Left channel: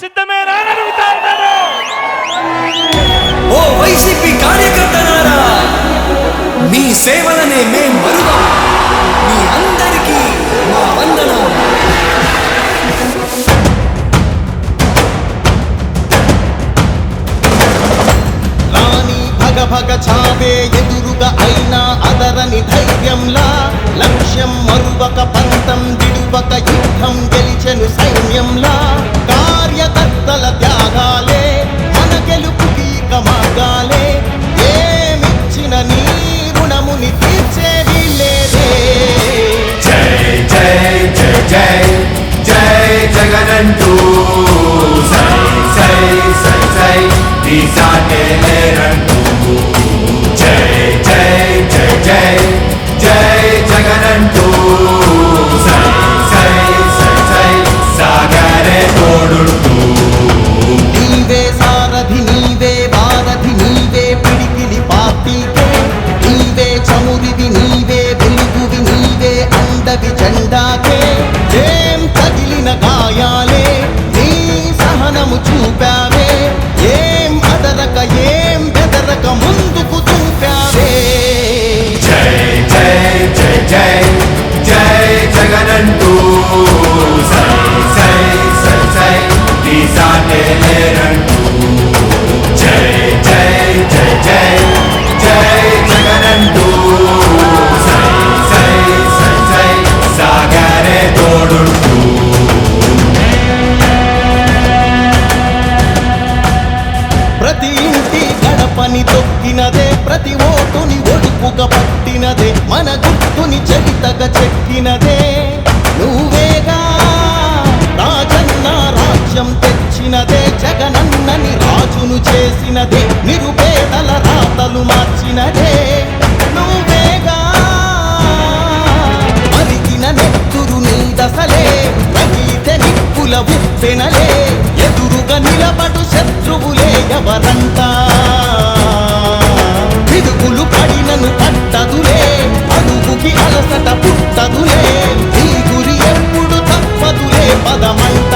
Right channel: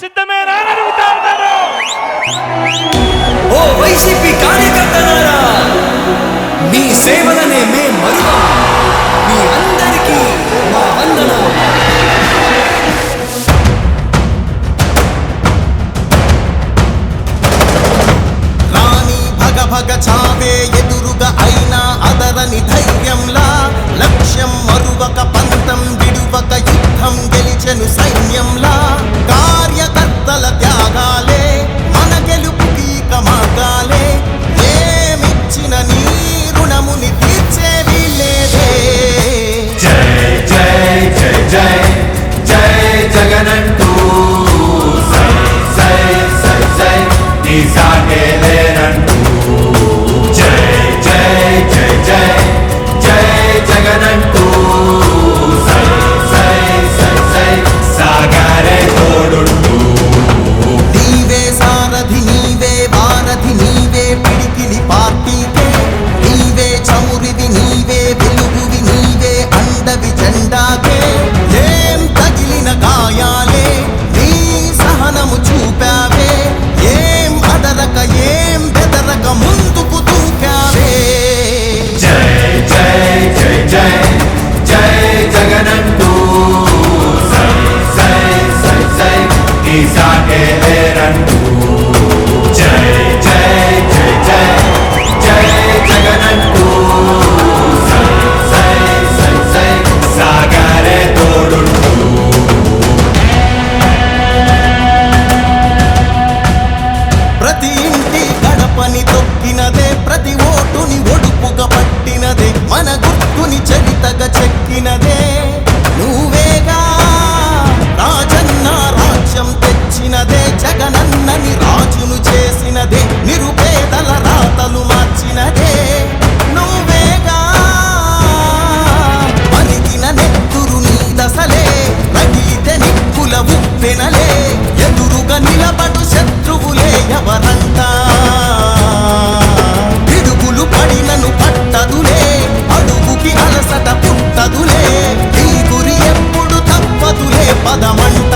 సిద్ధమేనా అని అడుగుతా ఉన్నాను. ఓ వైసీపీ కార్యకర్తలారా, మీ సేవలనే మేం మరువం. మీ అందరికీ మా వందనం. రాణి భగ భగ చావే ఎదురుగా అయినా అదరని ధైర్యంలా, లక్ష్యం మరువక పంతం విడువక యుద్ధం గెలిచెను సైన్యంలా. కార్యకర్తల త్యాగాలే మన గెలుపుకి ఇక మార్గాలే. ఏమిచ్చిన నీ రుణముని తీర్చేది లేదే. జై జై జై జై జై జగనంటూ సై సై సై సై నీ సాటే లేనంటూ. జై జై జై జై జై జగనంటూ సై సై సై సై సాగరే తోడుంటూ. నీవే సారథి నీవే వారధి నీవే పిడికిలి పార్టీకే. నీవే చమురివి నీవే వెలుగువి నీవే అండవి జెండాకే. ఏం తగిలిన గాయాలే నీ సహనము చూపావే. ఏం అదరక ఏం బెదరక ముందుకు చూపావే. జై జై జై జై జై జగనంటూ సై సై సై సై నీ సాటే లేనంటూ. జై జై జై జై జై జగనంటూ సై సై సై సై సాగరే తోడుంటూ. ప్రతి ఇంటి గడపని తొక్కినదే, ప్రతి ఓటుని ఒడుపుగా పట్టినదే, మన గుర్తుని చరితగా చెక్కినదే నువ్వేగా. రాజన్న రాజ్యం తెచ్చినదే, జగనన్నని రాజును చేసినదే, నిరుపేదల రాతలు మార్చినదే నువ్వేగా. మరిగిన నెత్తురు నీ దశలే, రగిలితే నిప్పుల ఉప్పెనలే, ఎదురుగా నిలబడు శత్రువులే ఎవరంట. పిడుగులు పడినను పట్టదులే, అడుగుకి అలసట పుట్టదులే, ఈ గురి ఎప్పుడు తప్పదులే పదమంట.